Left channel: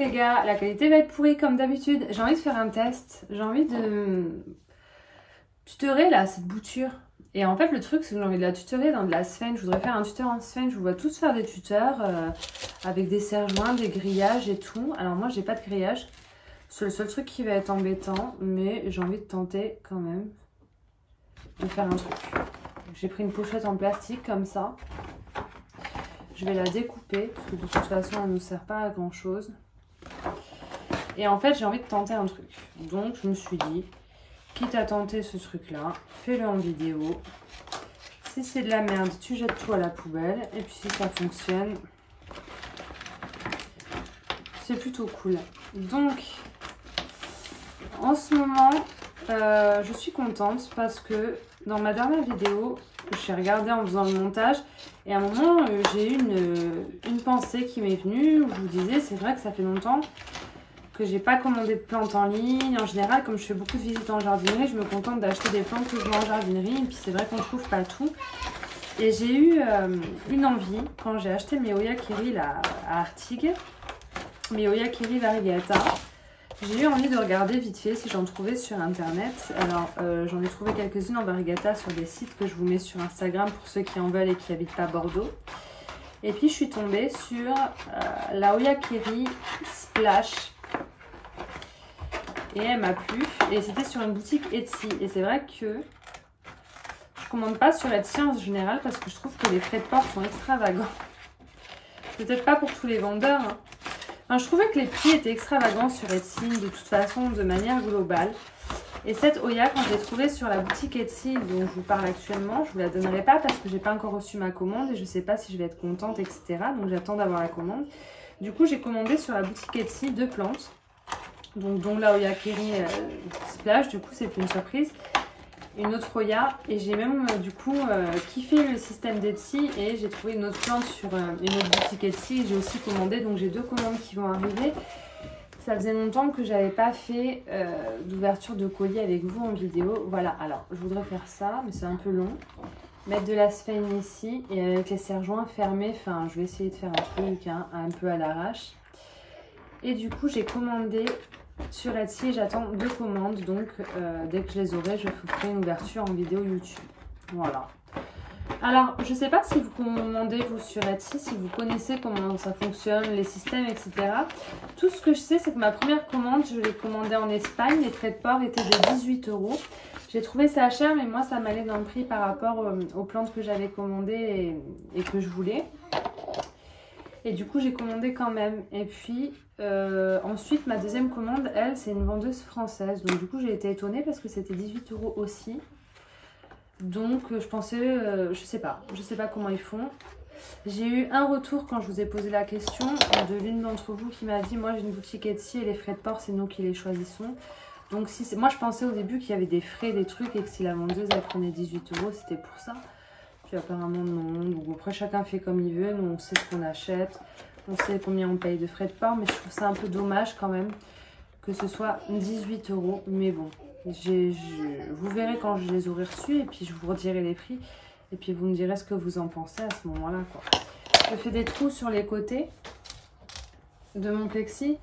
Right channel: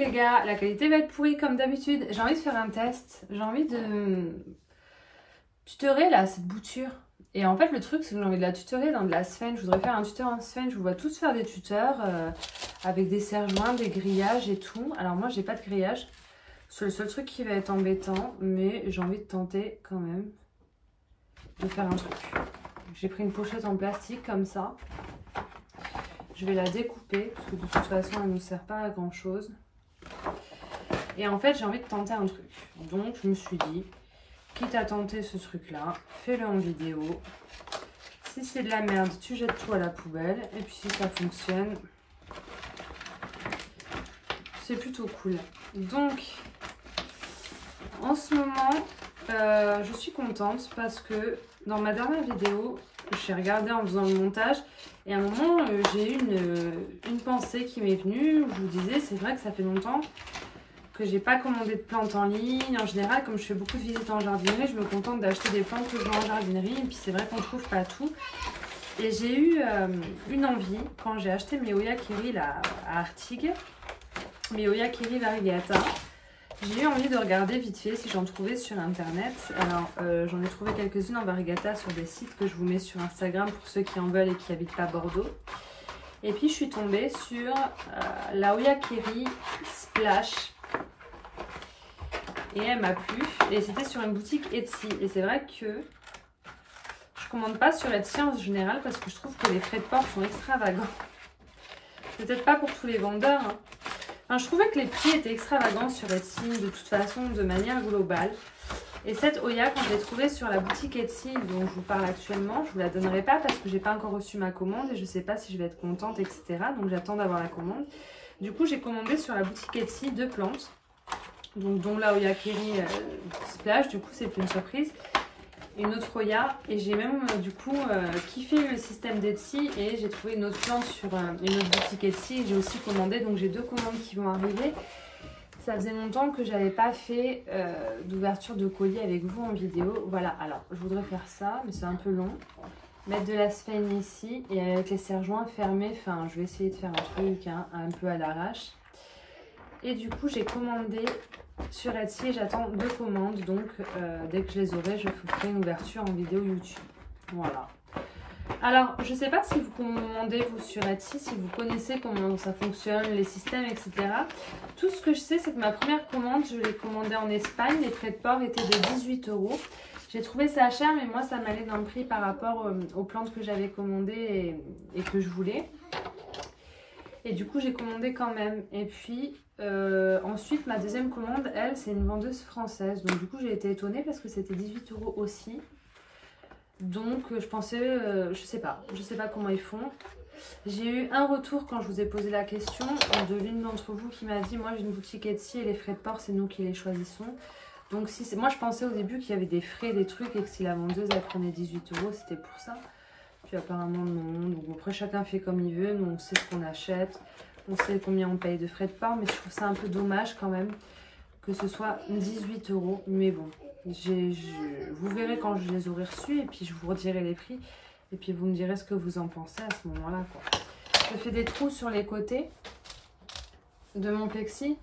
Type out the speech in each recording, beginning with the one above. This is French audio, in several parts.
les gars, la qualité va être pourrie comme d'habitude. J'ai envie de faire un test. J'ai envie de tutorer là, cette bouture. Et en fait le truc c'est que j'ai envie de la tutorer dans de la sphène. Je voudrais faire un tuteur en sphène. Je vous vois tous faire des tuteurs avec des serre-joints, des grillages et tout. Alors moi j'ai pas de grillage. C'est le seul truc qui va être embêtant. Mais j'ai envie de tenter quand même de faire un truc. J'ai pris une pochette en plastique comme ça. Je vais la découper parce que de toute façon elle ne nous sert pas à grand chose. Et en fait j'ai envie de tenter un truc. Donc je me suis dit, quitte à tenter ce truc là, fais-le en vidéo. Si c'est de la merde, tu jettes tout à la poubelle. Et puis si ça fonctionne, c'est plutôt cool. Donc en ce moment, je suis contente parce que dans ma dernière vidéo, j'ai regardé en faisant le montage et à un moment j'ai eu une pensée qui m'est venue où je vous disais c'est vrai que ça fait longtemps que j'ai pas commandé de plantes en ligne. En général, comme je fais beaucoup de visites en jardinerie, je me contente d'acheter des plantes que je vois en jardinerie et puis c'est vrai qu'on ne trouve pas tout. Et j'ai eu une envie quand j'ai acheté mes Oyakiri là, à Artigues, mes Oyakiri variegata. J'ai eu envie de regarder vite fait si j'en trouvais sur internet. Alors j'en ai trouvé quelques-unes en variegata sur des sites que je vous mets sur Instagram pour ceux qui en veulent et qui habitent pas Bordeaux. Et puis je suis tombée sur la Oyakiri Splash. Et elle m'a plu. Et c'était sur une boutique Etsy. Et c'est vrai que je commande pas sur Etsy en général parce que je trouve que les frais de port sont extravagants. Peut-être pas pour tous les vendeurs. Hein. Enfin, je trouvais que les prix étaient extravagants sur Etsy de toute façon, de manière globale. Et cette Oya, quand je l'ai trouvée sur la boutique Etsy dont je vous parle actuellement, je vous la donnerai pas parce que j'ai pas encore reçu ma commande et je sais pas si je vais être contente, etc. Donc j'attends d'avoir la commande. Du coup, j'ai commandé sur la boutique Etsy 2 plantes. Donc dont la Oyakiri Splash, du coup c'est plus une surprise. Une autre Oya et j'ai même du coup kiffé le système d'Etsy et j'ai trouvé une autre plante sur une autre boutique Etsy et j'ai aussi commandé, donc j'ai 2 commandes qui vont arriver. Ça faisait longtemps que j'avais pas fait d'ouverture de colis avec vous en vidéo. Voilà, alors je voudrais faire ça mais c'est un peu long. Mettre de la sphène ici et avec les serre-joints fermés, enfin je vais essayer de faire un truc un peu à l'arrache. Et du coup j'ai commandé sur Etsy et j'attends 2 commandes, donc dès que je les aurai je vous ferai une ouverture en vidéo YouTube. Voilà. Alors je sais pas si vous commandez vous sur Etsy, si vous connaissez comment ça fonctionne, les systèmes, etc. Tout ce que je sais c'est que ma première commande je l'ai commandée en Espagne, les frais de port étaient de 18 €. J'ai trouvé ça cher mais moi ça m'allait dans le prix par rapport aux plantes que j'avais commandées et que je voulais. Et du coup j'ai commandé quand même. Et puis ensuite ma deuxième commande, elle, c'est une vendeuse française. Donc du coup j'ai été étonnée parce que c'était 18 € aussi. Donc je pensais, je sais pas comment ils font. J'ai eu un retour quand je vous ai posé la question de l'une d'entre vous qui m'a dit moi j'ai une boutique Etsy et les frais de port c'est nous qui les choisissons. Donc si moi je pensais au début qu'il y avait des frais, des trucs et que si la vendeuse elle prenait 18 € c'était pour ça. Puis apparemment non, donc après chacun fait comme il veut, nous on sait ce qu'on achète, on sait combien on paye de frais de port, mais je trouve ça un peu dommage quand même que ce soit 18 €, mais bon, vous verrez quand je les aurai reçus et puis je vous redirai les prix et puis vous me direz ce que vous en pensez à ce moment-là quoi. Je fais des trous sur les côtés de mon plexi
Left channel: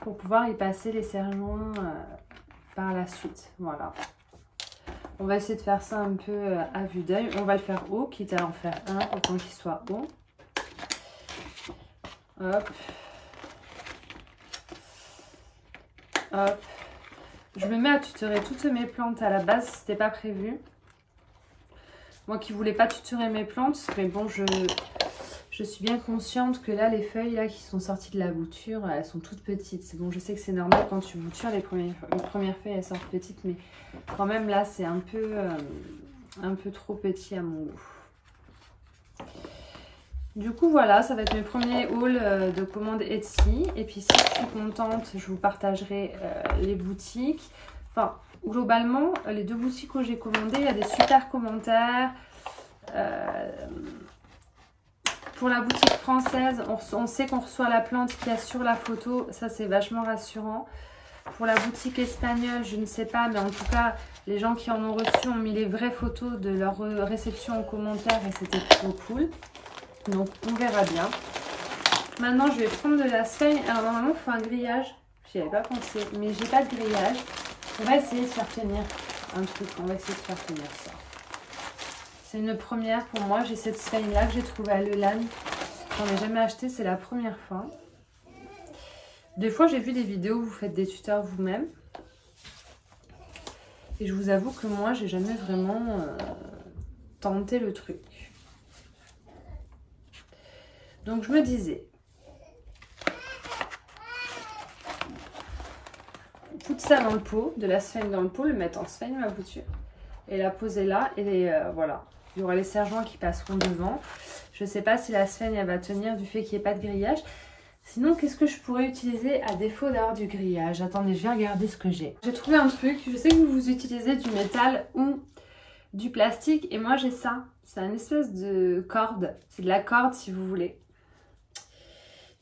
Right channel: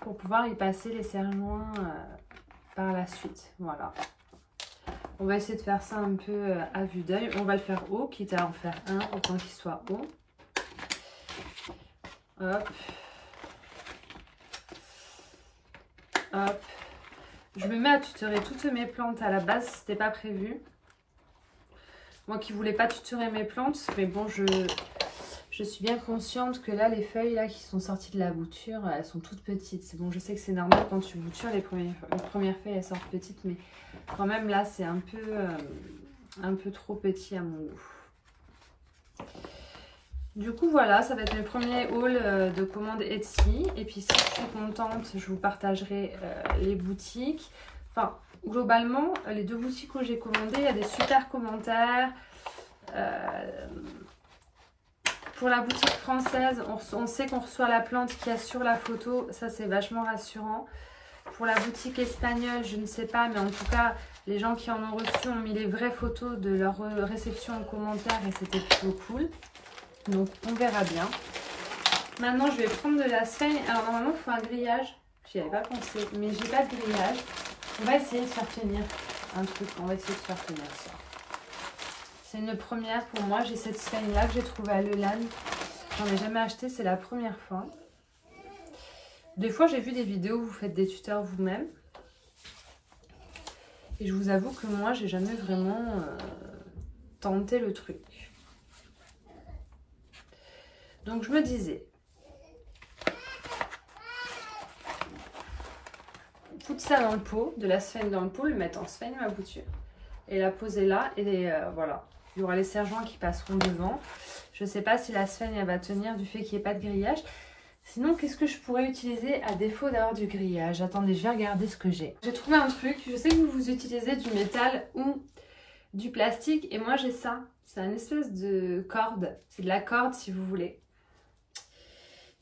pour pouvoir y passer les serre-joints par la suite, voilà. On va essayer de faire ça un peu à vue d'œil. On va le faire haut, quitte à en faire un, autant qu'il soit haut. Hop. Hop. Je me mets à tutorer toutes mes plantes à la base, c'était pas prévu. Moi qui voulais pas tutorer mes plantes, mais bon, je suis bien consciente que là, les feuilles là qui sont sorties de la bouture, elles sont toutes petites. C'est bon, je sais que c'est normal quand tu boutures, les premières feuilles, elles sortent petites, mais quand même là, c'est un peu trop petit à mon goût. Du coup, voilà, ça va être mes premiers hauls de commandes Etsy. Et puis, si je suis contente, je vous partagerai les boutiques. Enfin, globalement, les 2 boutiques où j'ai commandé, il y a des super commentaires. Pour la boutique française, on sait qu'on reçoit la plante qu'il y a sur la photo. Ça, c'est vachement rassurant. Pour la boutique espagnole, je ne sais pas, mais en tout cas, les gens qui en ont reçu ont mis les vraies photos de leur réception en commentaire et c'était plutôt cool. Donc, on verra bien. Maintenant, je vais prendre de la sphène. Alors, normalement, il faut un grillage. J'y avais pas pensé, mais j'ai pas de grillage. On va essayer de faire tenir un truc. On va essayer de faire tenir ça. C'est une première pour moi. J'ai cette sphène-là que j'ai trouvée à Lelan. J'en ai jamais acheté, c'est la première fois. Des fois, j'ai vu des vidéos où vous faites des tuteurs vous-même. Et je vous avoue que moi, j'ai jamais vraiment tenté le truc. Donc, je me disais, foutre ça dans le pot, de la sphène dans le pot, le mettre en sphène, ma bouture, et la poser là, et voilà. Il y aura les serre-joints qui passeront devant. Je ne sais pas si la sphène, elle va tenir du fait qu'il n'y ait pas de grillage. Sinon, qu'est-ce que je pourrais utiliser à défaut d'avoir du grillage? Attendez, je vais regarder ce que j'ai. J'ai trouvé un truc. Je sais que vous utilisez du métal ou du plastique. Et moi, j'ai ça. C'est une espèce de corde. C'est de la corde, si vous voulez.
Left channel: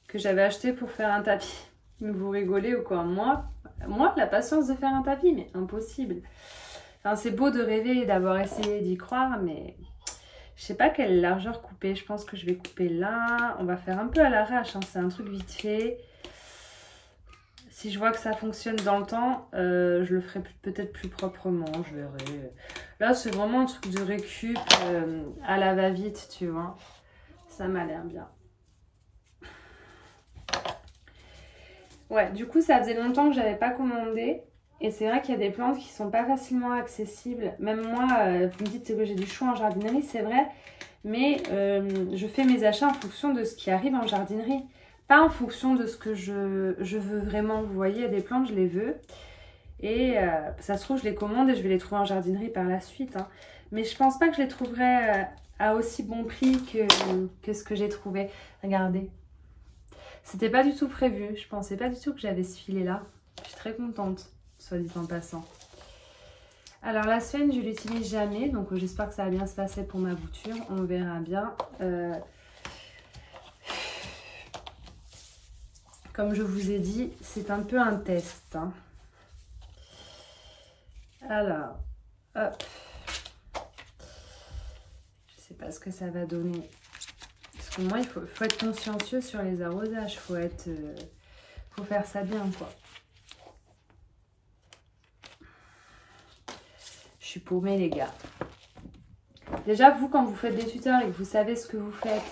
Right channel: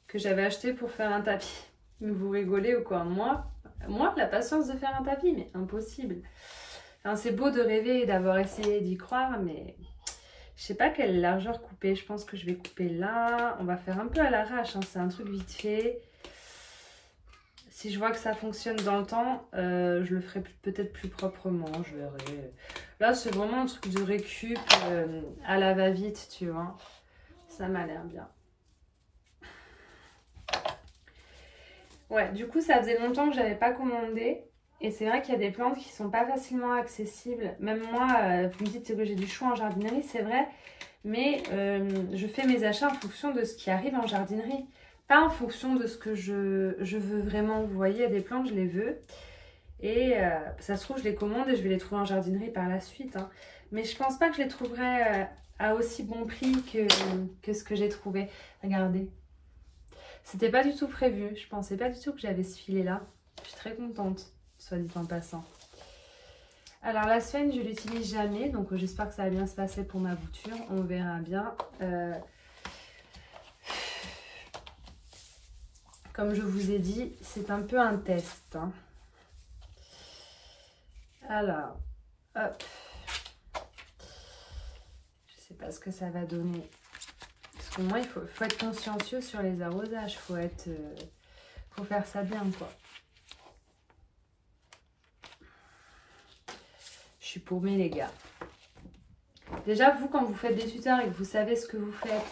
Que j'avais acheté pour faire un tapis. Mais vous rigolez ou quoi? Moi, la patience de faire un tapis, mais impossible. Enfin, c'est beau de rêver et d'avoir essayé d'y croire, mais... Je sais pas quelle largeur couper. Je pense que je vais couper là. On va faire un peu à l'arrache. Hein. C'est un truc vite fait. Si je vois que ça fonctionne dans le temps, je le ferai peut-être plus proprement. Je verrai. Là, c'est vraiment un truc de récup à la va-vite, tu vois. Ça m'a l'air bien. Ouais, du coup, ça faisait longtemps que j'avais pas commandé. Et c'est vrai qu'il y a des plantes qui sont pas facilement accessibles. Même moi, vous me dites que j'ai du chou en jardinerie, c'est vrai. Mais je fais mes achats en fonction de ce qui arrive en jardinerie. Pas en fonction de ce que je veux vraiment. Vous voyez, il y a des plantes, je les veux. Et ça se trouve, je les commande et je vais les trouver en jardinerie par la suite. Hein. Mais je pense pas que je les trouverai à aussi bon prix que ce que j'ai trouvé. Regardez. C'était pas du tout prévu. Je pensais pas du tout que j'avais ce filet-là. Je suis très contente. Soit dit en passant. Alors la sphène, je l'utilise jamais, donc j'espère que ça va bien se passer pour ma bouture. On verra bien. Comme je vous ai dit, c'est un peu un test. Hein. Alors, hop. Je sais pas ce que ça va donner. Parce que moi, il faut être consciencieux sur les arrosages. Faut faire ça bien, quoi. Je suis paumée, les gars. Déjà, vous, quand vous faites des tuteurs et que vous savez ce que vous faites,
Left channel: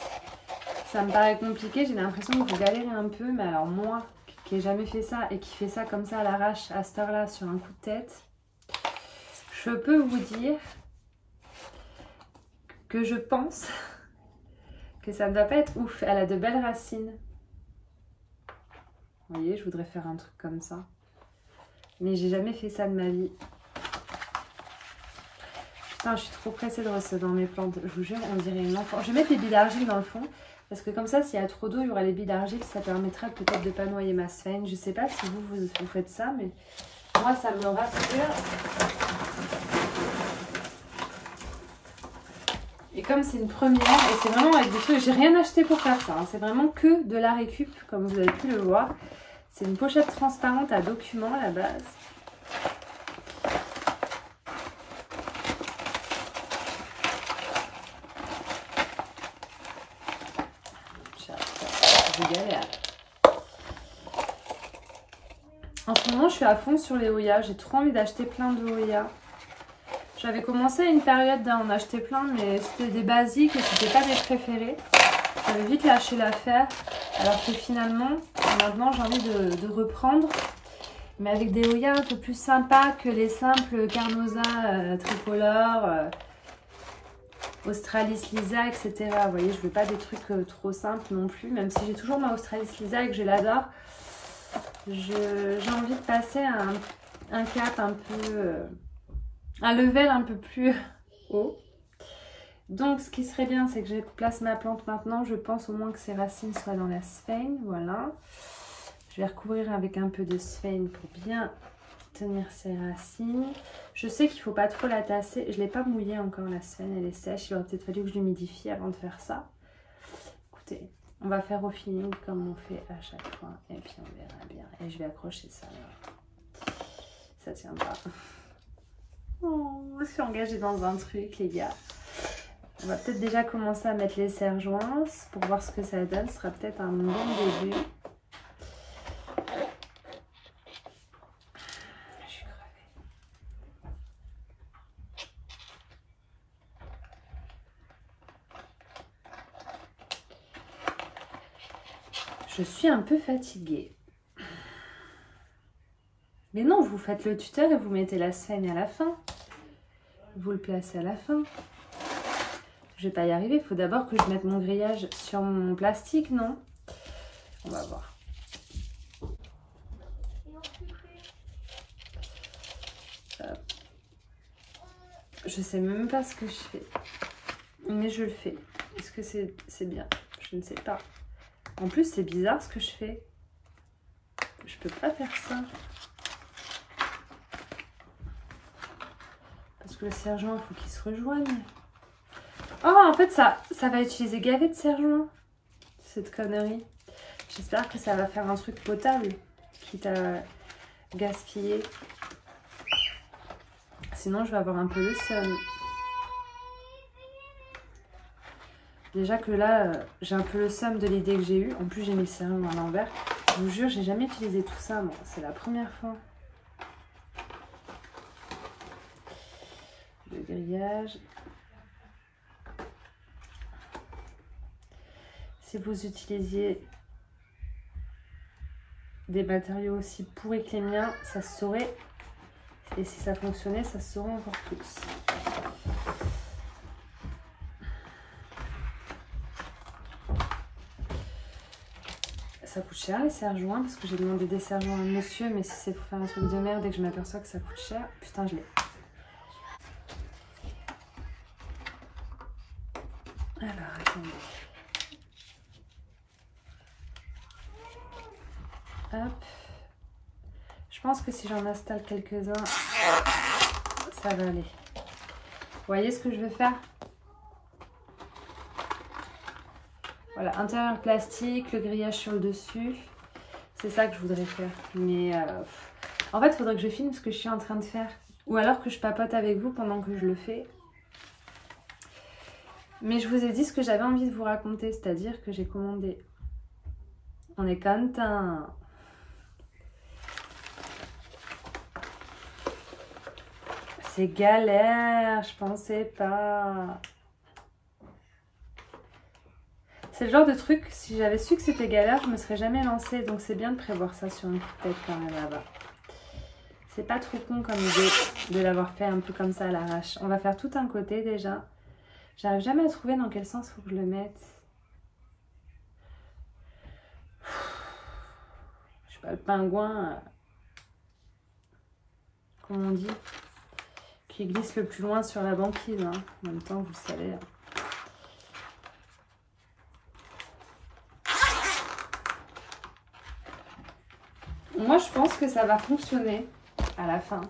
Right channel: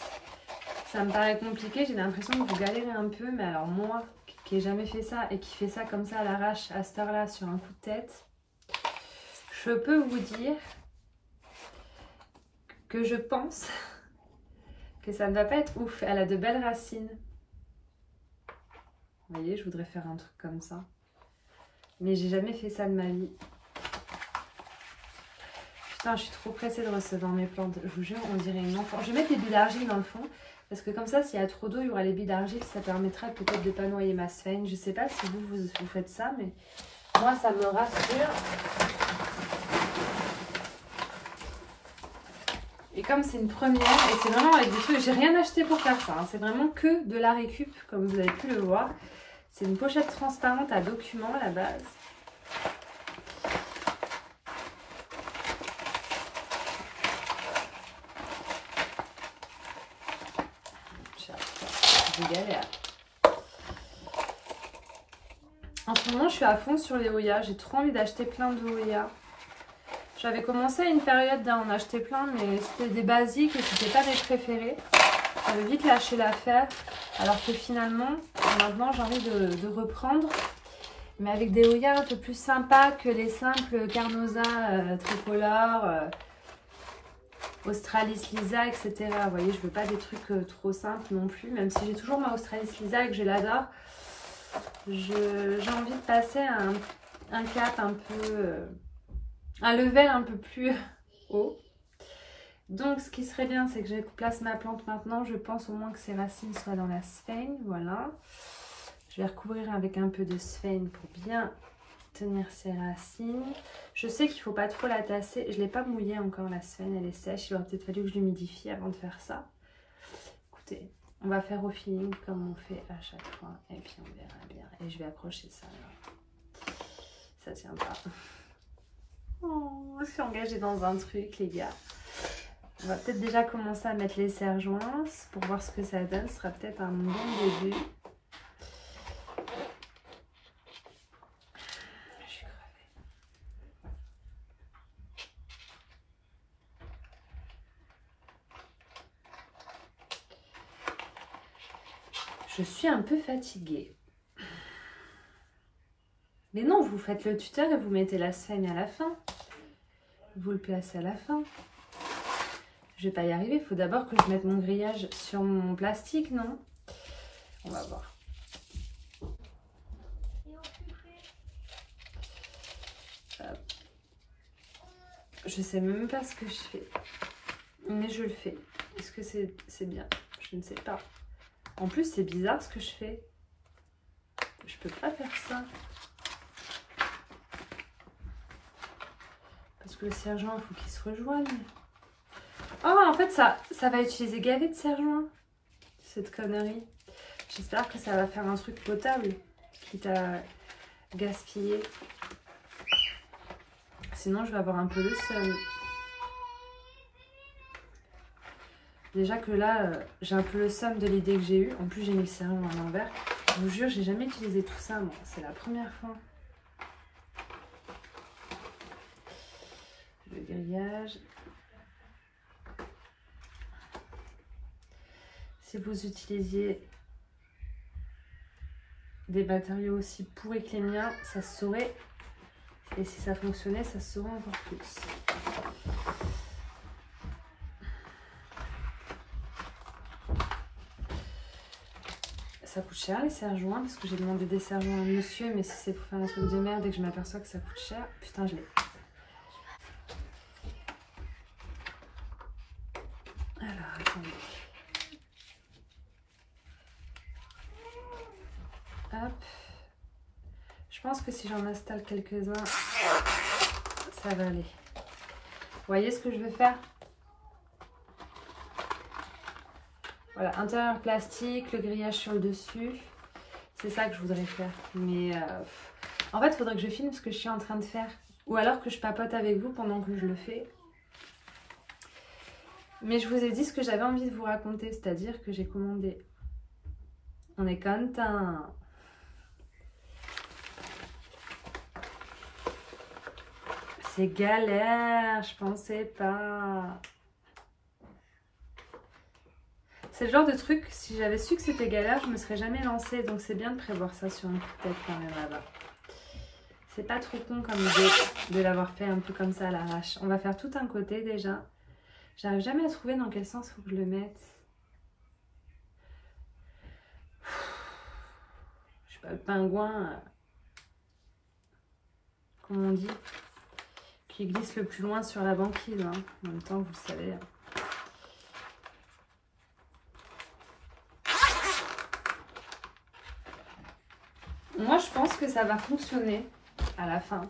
ça me paraît compliqué. J'ai l'impression que vous galérez un peu. Mais alors moi, qui n'ai jamais fait ça et qui fait ça comme ça à l'arrache, à cette heure-là, sur un coup de tête, je peux vous dire que je pense que ça ne va pas être ouf. Elle a de belles racines. Vous voyez, je voudrais faire un truc comme ça. Mais j'ai jamais fait ça de ma vie. Putain, je suis trop pressée de recevoir mes plantes. Je vous jure, on dirait une enfant. Je vais mettre les billes d'argile dans le fond. Parce que comme ça, s'il y a trop d'eau, il y aura les billes d'argile. Ça permettra peut-être de ne pas noyer ma sphène. Je ne sais pas si vous faites ça, mais moi, ça me rassure. Et comme c'est une première, et c'est vraiment avec des trucs... J'ai rien acheté pour faire ça. Hein. C'est vraiment que de la récup, comme vous avez pu le voir. C'est une pochette transparente à documents à la base. Je galère. En ce moment, je suis à fond sur les Hoya. J'ai trop envie d'acheter plein de Hoya. J'avais commencé à une période d'en acheter plein, mais c'était des basiques et c'était pas mes préférés. J'avais vite lâché l'affaire. Alors que finalement, maintenant, j'ai envie de reprendre. Mais avec des Hoya un peu plus sympas que les simples Carnosa tricolores. Australis Lisa, etc. Vous voyez, je veux pas des trucs trop simples non plus, même si j'ai toujours ma Australis Lisa et que je l'adore. J'ai envie de passer à un cap un peu... un level un peu plus haut. Donc, ce qui serait bien, c'est que je place ma plante maintenant. Je pense au moins que ses racines soient dans la sphène. Voilà. Je vais recouvrir avec un peu de sphène pour bien tenir ses racines. Je sais qu'il ne faut pas trop la tasser. Je ne l'ai pas mouillée encore, la sphène, elle est sèche. Il aurait peut-être fallu que je l'humidifie avant de faire ça. Écoutez, on va faire au feeling comme on fait à chaque fois. Et puis on verra bien. Et je vais accrocher ça là. Ça tient pas. Oh, je suis engagée dans un truc, les gars. On va peut-être déjà commencer à mettre les serre-joints pour voir ce que ça donne. Ce sera peut-être un bon début. Je suis crevée. Je suis un peu fatiguée. Mais non, vous faites le tuteur et vous mettez la sphène à la fin. Vous le placez à la fin. Je vais pas y arriver. Il faut d'abord que je mette mon grillage sur mon plastique, non? On va voir. Je sais même pas ce que je fais. Mais je le fais. Est-ce que c'est bien? Je ne sais pas. En plus, c'est bizarre ce que je fais. Je peux pas faire ça. Parce que le serre-joint, il faut qu'il se rejoigne. Oh, en fait, ça va utiliser gavet de serre-joint. Cette connerie. J'espère que ça va faire un truc potable. Quitte à gaspiller. Sinon, je vais avoir un peu le seum. Déjà que là, j'ai un peu le seum de l'idée que j'ai eue. En plus, j'ai mis le serre-joint à l'envers. Je vous jure, j'ai jamais utilisé tout ça, moi. C'est la première fois. Le grillage. Si vous utilisiez des matériaux aussi pourris que les miens, ça se saurait. Et si ça fonctionnait, ça se saurait encore plus. Ça coûte cher les serre-joints parce que j'ai demandé des serre-joints à monsieur, mais si c'est pour faire un truc de merde et que je m'aperçois que ça coûte cher, putain je l'ai. Alors attendez. Hop. Je pense que si j'en installe quelques-uns, ça va aller. Vous voyez ce que je vais faire? Voilà, intérieur plastique, le grillage sur le dessus. C'est ça que je voudrais faire. Mais en fait, il faudrait que je filme ce que je suis en train de faire. Ou alors que je papote avec vous pendant que je le fais. Mais je vous ai dit ce que j'avais envie de vous raconter. C'est-à-dire que j'ai commandé. On est content. C'est galère, je pensais pas. C'est le genre de truc, si j'avais su que c'était galère, je me serais jamais lancée. Donc c'est bien de prévoir ça sur un coup de tête quand même là-bas. C'est pas trop con comme idée de l'avoir fait un peu comme ça à l'arrache. On va faire tout un côté déjà. J'arrive jamais à trouver dans quel sens il faut que je le mette. Je sais pas, le pingouin, comment on dit, qui glisse le plus loin sur la banquise. Hein. En même temps, vous le savez. Moi, je pense que ça va fonctionner à la fin.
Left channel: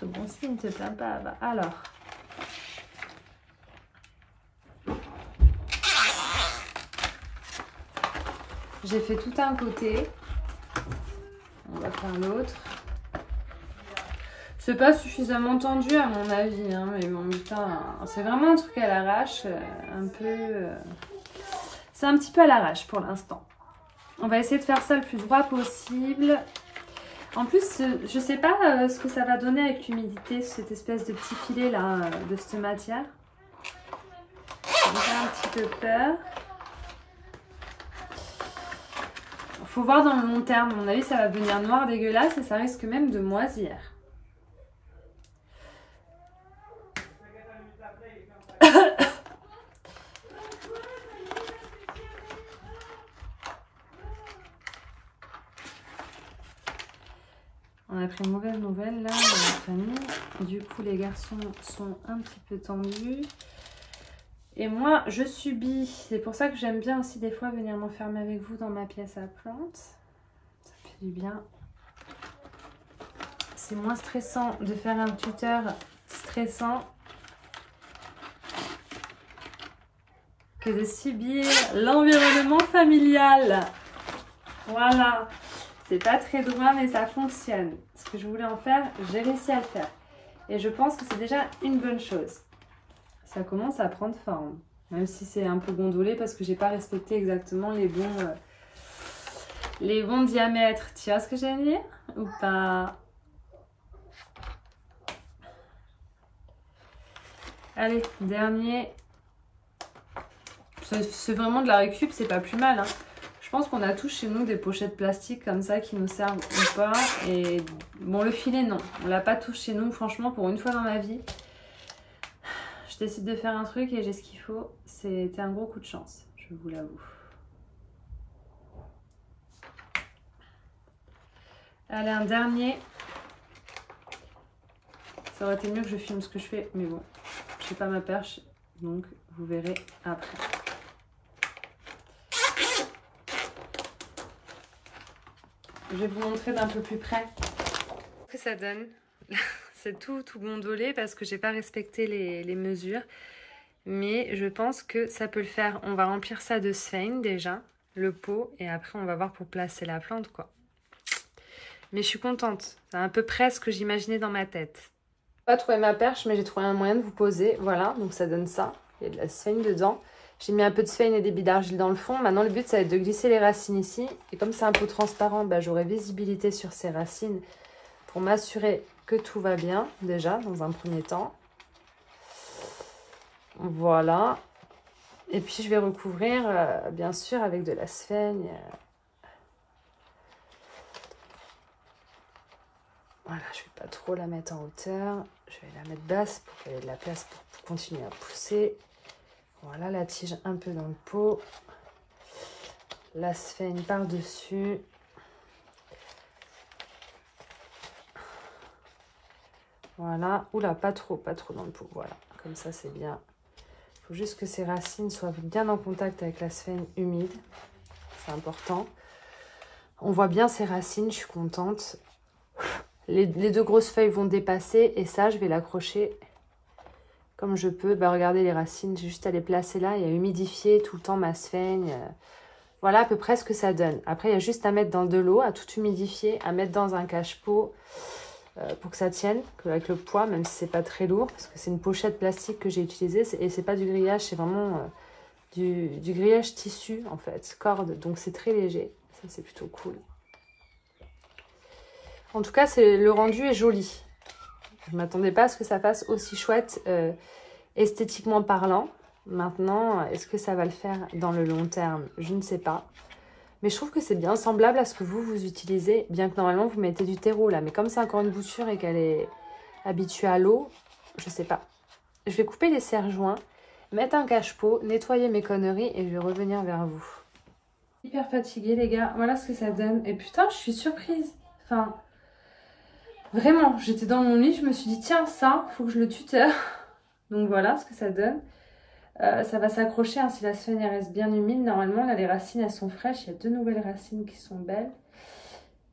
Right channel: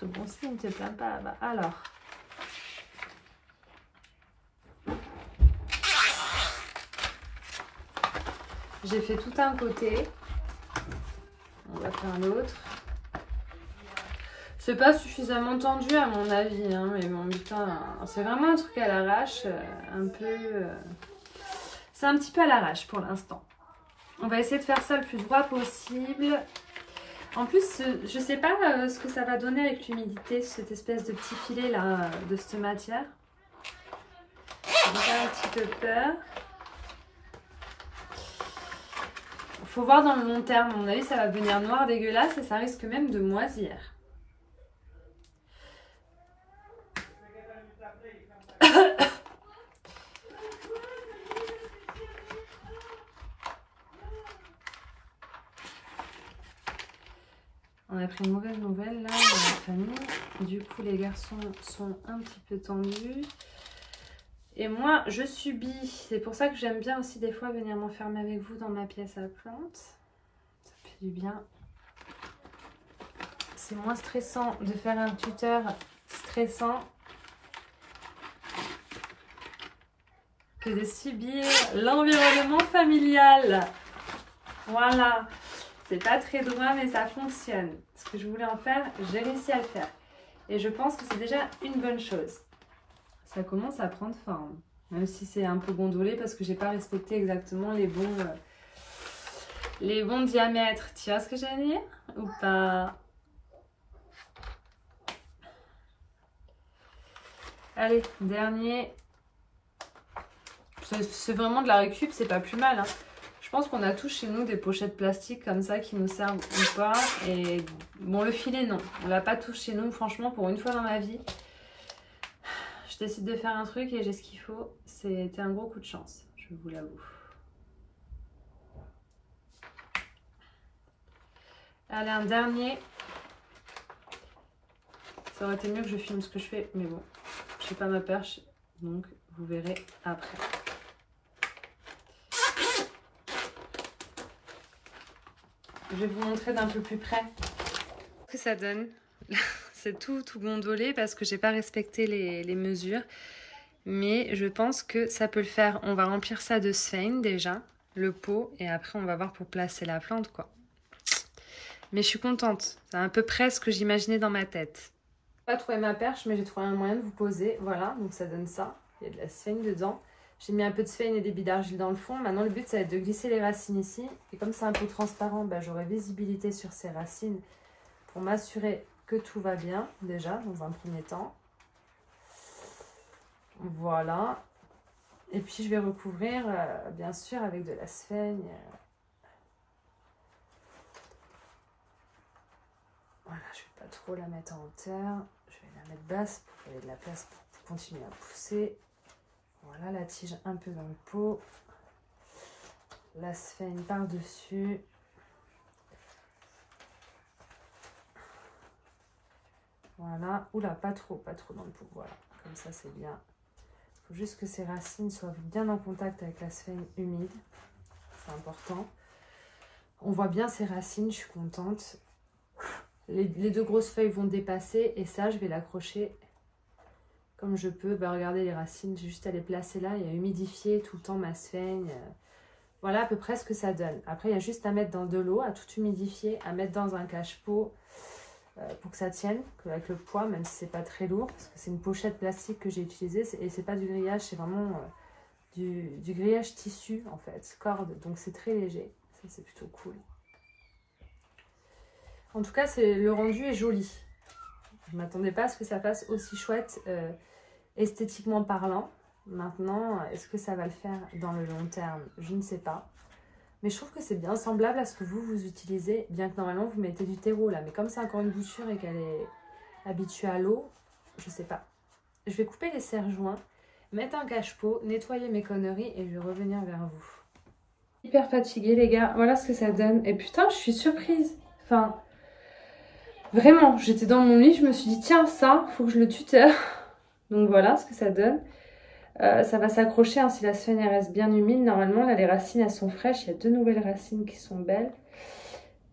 C'est bon signe, ne te plains pas. Bah, alors. J'ai fait tout un côté. On va faire l'autre. C'est pas suffisamment tendu à mon avis, hein, mais bon, putain, c'est vraiment un truc à l'arrache, un peu... C'est un petit peu à l'arrache pour l'instant. On va essayer de faire ça le plus droit possible. En plus, je sais pas ce que ça va donner avec l'humidité, cette espèce de petit filet là, de cette matière. J'ai un petit peu peur. Faut voir dans le long terme, à mon avis ça va devenir noir dégueulasse et ça risque même de moisir. On a pris une mauvaise nouvelle là dans la famille. Du coup les garçons sont un petit peu tendus. Et moi je subis. C'est pour ça que j'aime bien aussi des fois venir m'enfermer avec vous dans ma pièce à plantes. Ça fait du bien. C'est moins stressant de faire un tuteur stressant que de subir l'environnement familial. Voilà. C'est pas très droit mais ça fonctionne. Ce que je voulais en faire, j'ai réussi à le faire. Et je pense que c'est déjà une bonne chose. Ça commence à prendre forme. Même si c'est un peu gondolé parce que j'ai pas respecté exactement les bons diamètres. Tu vois ce que je veux dire? Ou pas? Allez, dernier. C'est vraiment de la récup, c'est pas plus mal. Hein. Je pense qu'on a tous chez nous des pochettes plastiques comme ça qui nous servent ou pas. Et bon, le filet, non. On l'a pas tous chez nous, franchement, pour une fois dans ma vie. Je décide de faire un truc et j'ai ce qu'il faut. C'était un gros coup de chance, je vous l'avoue. Allez, un dernier. Ça aurait été mieux que je filme ce que je fais, mais bon, je n'ai pas ma perche, donc vous verrez après. Je vais vous montrer d'un peu plus près ce que ça donne. C'est tout gondolé parce que j'ai pas respecté les mesures. Mais je pense que ça peut le faire. On va remplir ça de sphène déjà, le pot, et après on va voir pour placer la plante, quoi. Mais je suis contente. C'est à peu près ce que j'imaginais dans ma tête. J'ai pas trouvé ma perche, mais j'ai trouvé un moyen de vous poser. Voilà, donc ça donne ça. Il y a de la sphène dedans. J'ai mis un peu de sphène et des billes d'argile dans le fond. Maintenant, le but, ça va être de glisser les racines ici. Et comme c'est un peu transparent, bah, j'aurai visibilité sur ces racines pour m'assurer que tout va bien, déjà, dans un premier temps. Voilà. Et puis, je vais recouvrir, bien sûr, avec de la sphène. Voilà, je ne vais pas trop la mettre en hauteur. Je vais la mettre basse pour qu'il y ait de la place pour continuer à pousser. Voilà, la tige un peu dans le pot. La sphène par-dessus. Voilà. Oula, pas trop dans le pot. Voilà, comme ça, c'est bien. Il faut juste que ces racines soient bien en contact avec la sphène humide. C'est important. On voit bien ces racines, je suis contente. Les deux grosses feuilles vont dépasser et ça, je vais l'accrocher comme je peux. Bah, regardez les racines, j'ai juste à les placer là et à humidifier tout le temps ma sphène. Voilà à peu près ce que ça donne. Après, il y a juste à mettre dans de l'eau, à tout humidifier, à mettre dans un cache-pot pour que ça tienne, avec le poids, même si c'est pas très lourd, parce que c'est une pochette plastique que j'ai utilisée et c'est pas du grillage, c'est vraiment du grillage tissu en fait, corde, donc c'est très léger. Ça, c'est plutôt cool. En tout cas, le rendu est joli. Je ne m'attendais pas à ce que ça fasse aussi chouette esthétiquement parlant. Maintenant, est-ce que ça va le faire dans le long terme? Je ne sais pas. Mais je trouve que c'est bien semblable à ce que vous utilisez, bien que normalement vous mettez du terreau là. Mais comme c'est encore une bouture et qu'elle est habituée à l'eau, je ne sais pas. Je vais couper les serre-joints, mettre un cache-pot, nettoyer mes conneries et je vais revenir vers vous. Hyper fatiguée les gars, voilà ce que ça donne. Et putain, je suis surprise. Enfin... Vraiment, j'étais dans mon lit, je me suis dit, tiens, ça, faut que je le tuteur. Donc voilà ce que ça donne. Ça va s'accrocher, hein, si la sphène reste bien humide. Normalement, là, les racines, elles sont fraîches. Il y a 2 nouvelles racines qui sont belles.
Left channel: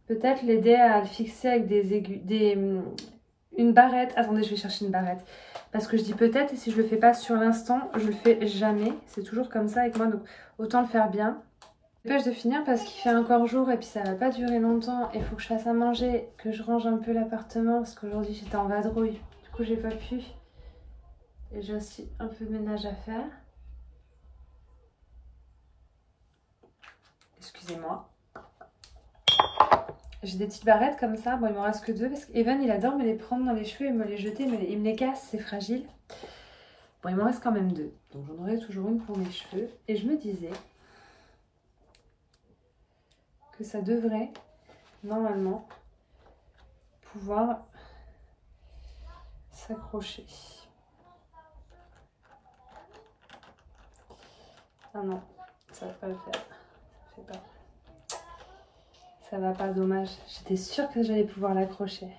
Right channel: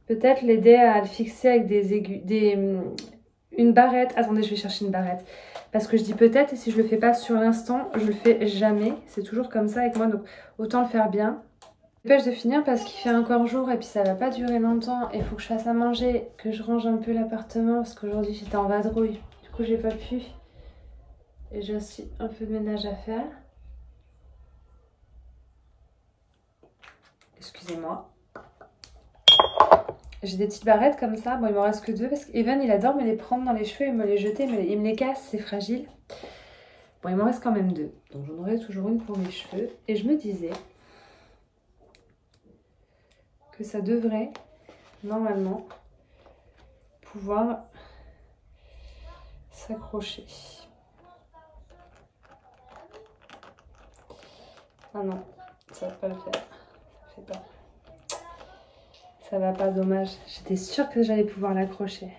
Peut-être l'aider à le fixer avec une barrette. Attendez, je vais chercher une barrette. Parce que je dis peut-être, et si je le fais pas sur l'instant, je le fais jamais. C'est toujours comme ça avec moi, donc autant le faire bien. Je dépêche de finir parce qu'il fait encore jour et puis ça va pas durer longtemps. Il faut que je fasse à manger, que je range un peu l'appartement parce qu'aujourd'hui j'étais en vadrouille. Du coup j'ai pas pu. Et j'ai aussi un peu de ménage à faire. Excusez-moi. J'ai des petites barrettes comme ça. Bon, il m'en reste que 2 parce qu'Evan il adore me les prendre dans les cheveux et me les jeter. Mais il me les casse, c'est fragile. Bon, il m'en reste quand même 2. Donc j'en aurai toujours une pour mes cheveux. Et je me disais que ça devrait normalement pouvoir s'accrocher. Ah non, ça va pas le faire. Ça fait pas. Ça va pas, dommage. J'étais sûre que j'allais pouvoir l'accrocher.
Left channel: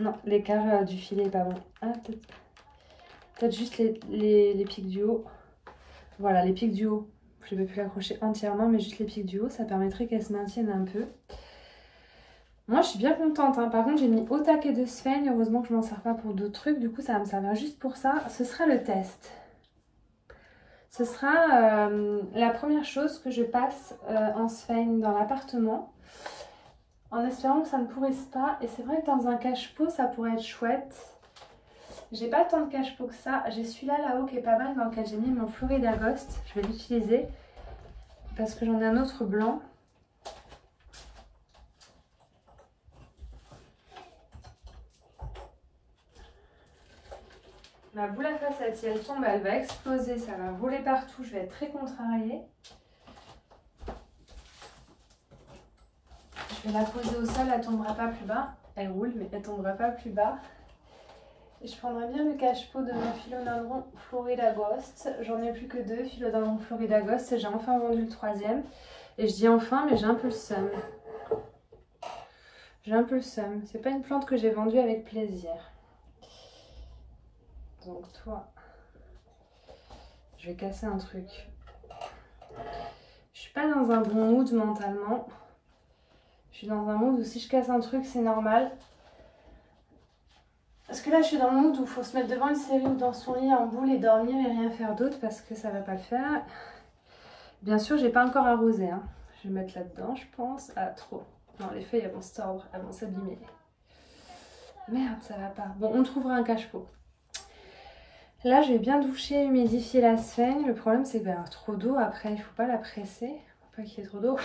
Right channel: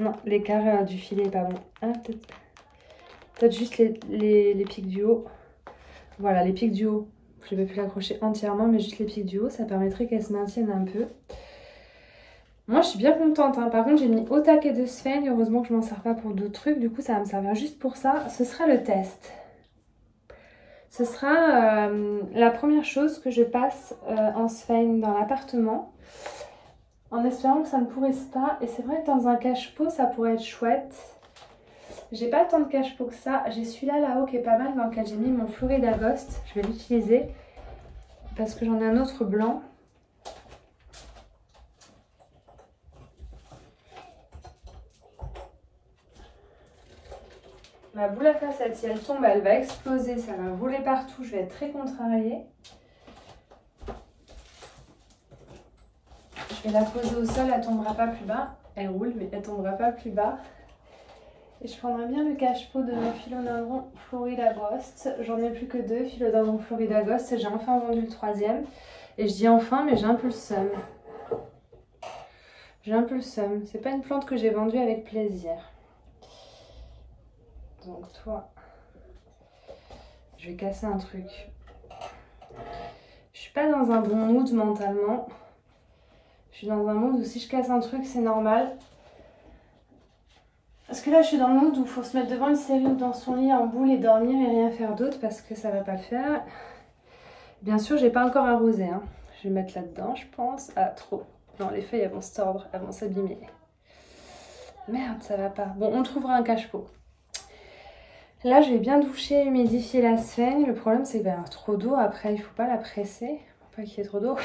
Non, l'écart du filet est pas bon. Ah, peut-être juste les pics du haut. Voilà, les pics du haut. Je ne vais plus l'accrocher entièrement, mais juste les pics du haut, ça permettrait qu'elle se maintienne un peu. Moi, je suis bien contente. Hein. Par contre, j'ai mis au taquet de sphène. Heureusement que je ne m'en sers pas pour d'autres trucs. Du coup, ça va me servir juste pour ça. Ce sera le test. Ce sera la première chose que je passe en sphène dans l'appartement. En espérant que ça ne pourrisse pas. Et c'est vrai que dans un cache-pot, ça pourrait être chouette. J'ai pas tant de cache-pot que ça. J'ai celui-là là-haut qui est pas mal, dans lequel j'ai mis mon Florida Ghost. Je vais l'utiliser parce que j'en ai un autre blanc. Ma boule à facettes, si elle tombe, elle va exploser, ça va voler partout, je vais être très contrariée. Je vais la poser au sol, elle tombera pas plus bas. Elle roule, mais elle tombera pas plus bas. Et je prendrai bien le cache-pot de mon philodendron Florida Ghost. J'en ai plus que 2 philodendron Florida Ghost et j'ai enfin vendu le 3e. Et je dis enfin, mais j'ai un peu le seum. J'ai un peu le seum. C'est pas une plante que j'ai vendue avec plaisir. Donc toi, je vais casser un truc. Je suis pas dans un bon mood mentalement. Je suis dans un mood où si je casse un truc, c'est normal. Parce que là, je suis dans le mood où il faut se mettre devant une série ou dans son lit en boule et dormir et rien faire d'autre parce que ça va pas le faire. Bien sûr, j'ai pas encore arrosé. Hein. Je vais mettre là-dedans, je pense. Ah, trop. Non, les feuilles, elles vont se tordre, elles vont s'abîmer. Merde, ça va pas. Bon, on trouvera un cache-pot. Là, je vais bien doucher, humidifier la sphène. Le problème, c'est qu'il va y avoir trop d'eau. Après, il faut pas la presser. Faut pas qu'il y ait trop d'eau.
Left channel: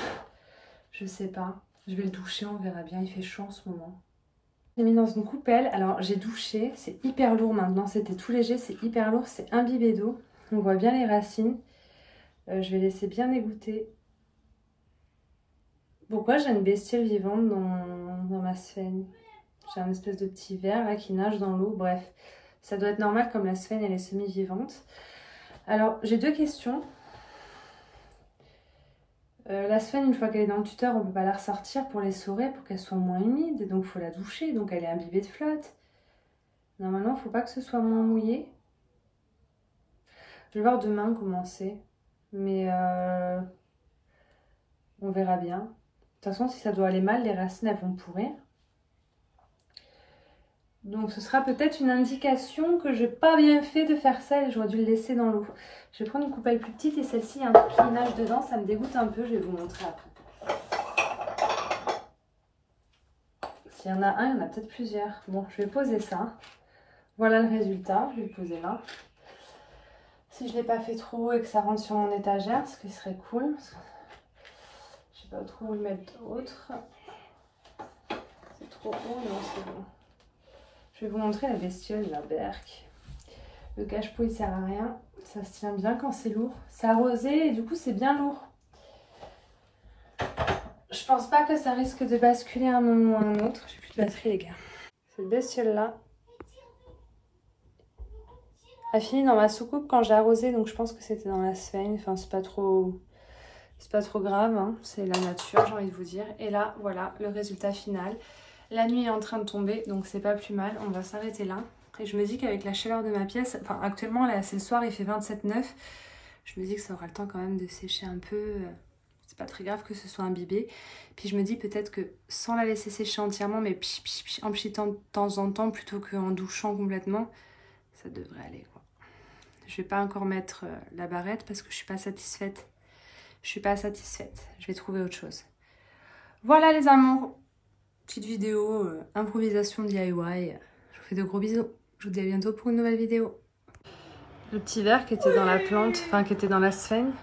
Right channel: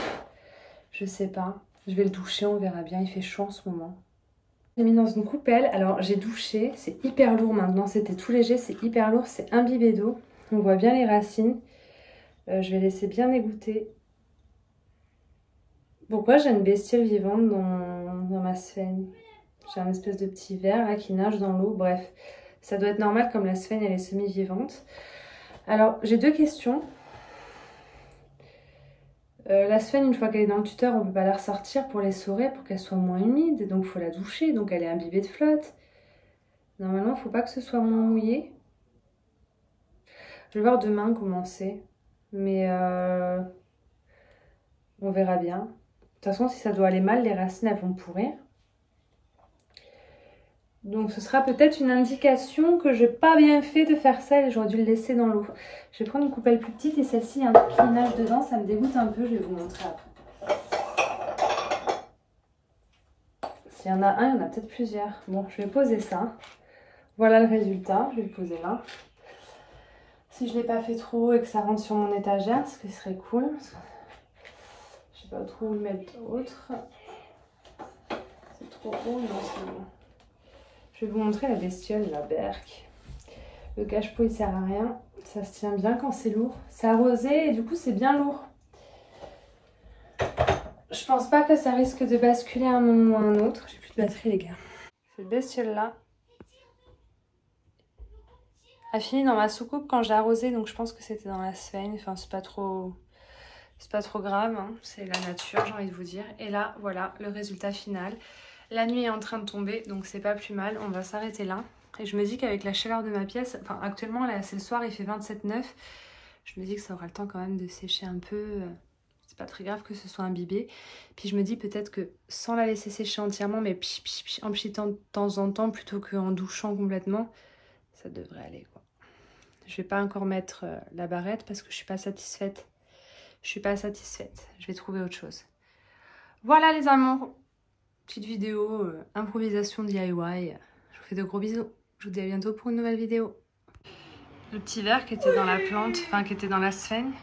Je sais pas. Je vais le doucher, on verra bien. Il fait chaud en ce moment. J'ai mis dans une coupelle. Alors, j'ai douché. C'est hyper lourd maintenant. C'était tout léger. C'est hyper lourd. C'est imbibé d'eau. On voit bien les racines. Je vais laisser bien égoutter. Pourquoi j'ai une bestiole vivante dans ma sphène? J'ai un espèce de petit ver là qui nage dans l'eau. Bref. Ça doit être normal comme la sphène elle est semi-vivante. Alors j'ai 2 questions. La sphène, une fois qu'elle est dans le tuteur, on ne peut pas la ressortir pour l'essorer pour qu'elle soit moins humide. Donc il faut la doucher, donc elle est imbibée de flotte. Normalement il ne faut pas que ce soit moins mouillé. Je vais voir demain comment c'est. Mais on verra bien. De toute façon si ça doit aller mal, les racines elles vont pourrir. Donc ce sera peut-être une indication que j'ai pas bien fait de faire ça et j'aurais dû le laisser dans l'eau. Je vais prendre une coupelle plus petite et celle-ci, il y a un truc qui nage dedans, ça me dégoûte un peu, je vais vous montrer après. S'il y en a un, il y en a peut-être plusieurs. Bon, je vais poser ça. Voilà le résultat, je vais le poser là. Si je ne l'ai pas fait trop haut et que ça rentre sur mon étagère, ce qui serait cool. Je sais pas trop où le mettre d'autre. C'est trop haut, non c'est bon. Je vais vous montrer la bestiole, la berque. Le cache-pot, il sert à rien. Ça se tient bien quand c'est lourd. C'est arrosé et du coup, c'est bien lourd. Je pense pas que ça risque de basculer à un moment ou à un autre. J'ai plus de batterie, les gars. Cette bestiole-là a fini dans ma soucoupe quand j'ai arrosé. Donc, je pense que c'était dans la sphène. Enfin, c'est pas trop grave. Hein. C'est la nature, j'ai envie de vous dire. Et là, voilà le résultat final. La nuit est en train de tomber, donc c'est pas plus mal. On va s'arrêter là. Et je me dis qu'avec la chaleur de ma pièce, enfin actuellement là c'est le soir, il fait 27,9. Je me dis que ça aura le temps quand même de sécher un peu. C'est pas très grave que ce soit imbibé. Puis je me dis peut-être que sans la laisser sécher entièrement, mais en pchitant de temps en temps plutôt qu'en douchant complètement, ça devrait aller quoi. Je vais pas encore mettre la barrette parce que je suis pas satisfaite. Je vais trouver autre chose. Voilà les amours. Petite vidéo, improvisation DIY. Je vous fais de gros bisous. Je vous dis à bientôt pour une nouvelle vidéo. Le petit verre qui était dans la plante, enfin qui était dans la sphène,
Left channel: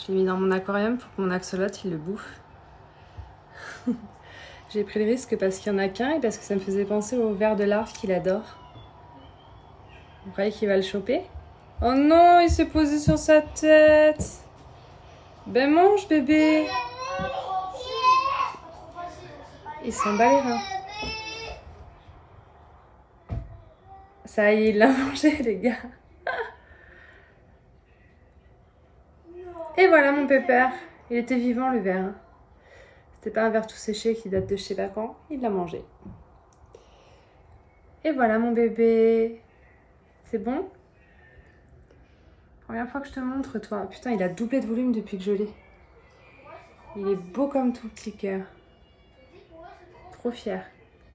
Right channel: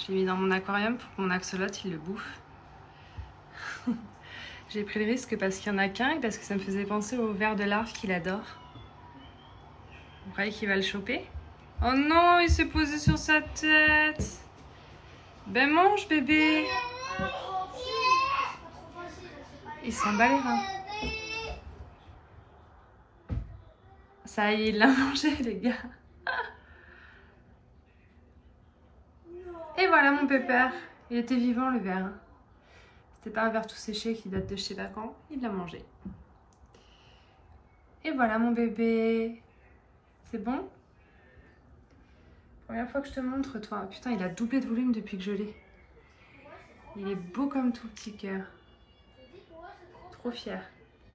je l'ai mis dans mon aquarium pour que mon axolote il le bouffe. J'ai pris le risque parce qu'il n'y en a qu'un et parce que ça me faisait penser au ver de larve qu'il adore. Vous croyez qu'il va le choper? Oh non, il s'est posé sur sa tête. Ben mange bébé. Il s'en bat les reins. Ça y est, il l'a mangé, les gars. Et voilà mon pépère. Il était vivant, le ver. C'était pas un ver tout séché qui date de je sais pas quand. Il l'a mangé. Et voilà mon bébé. C'est bon? Première fois que je te montre, toi. Putain, il a doublé de volume depuis que je l'ai. Il est beau comme tout petit cœur. Trop fier.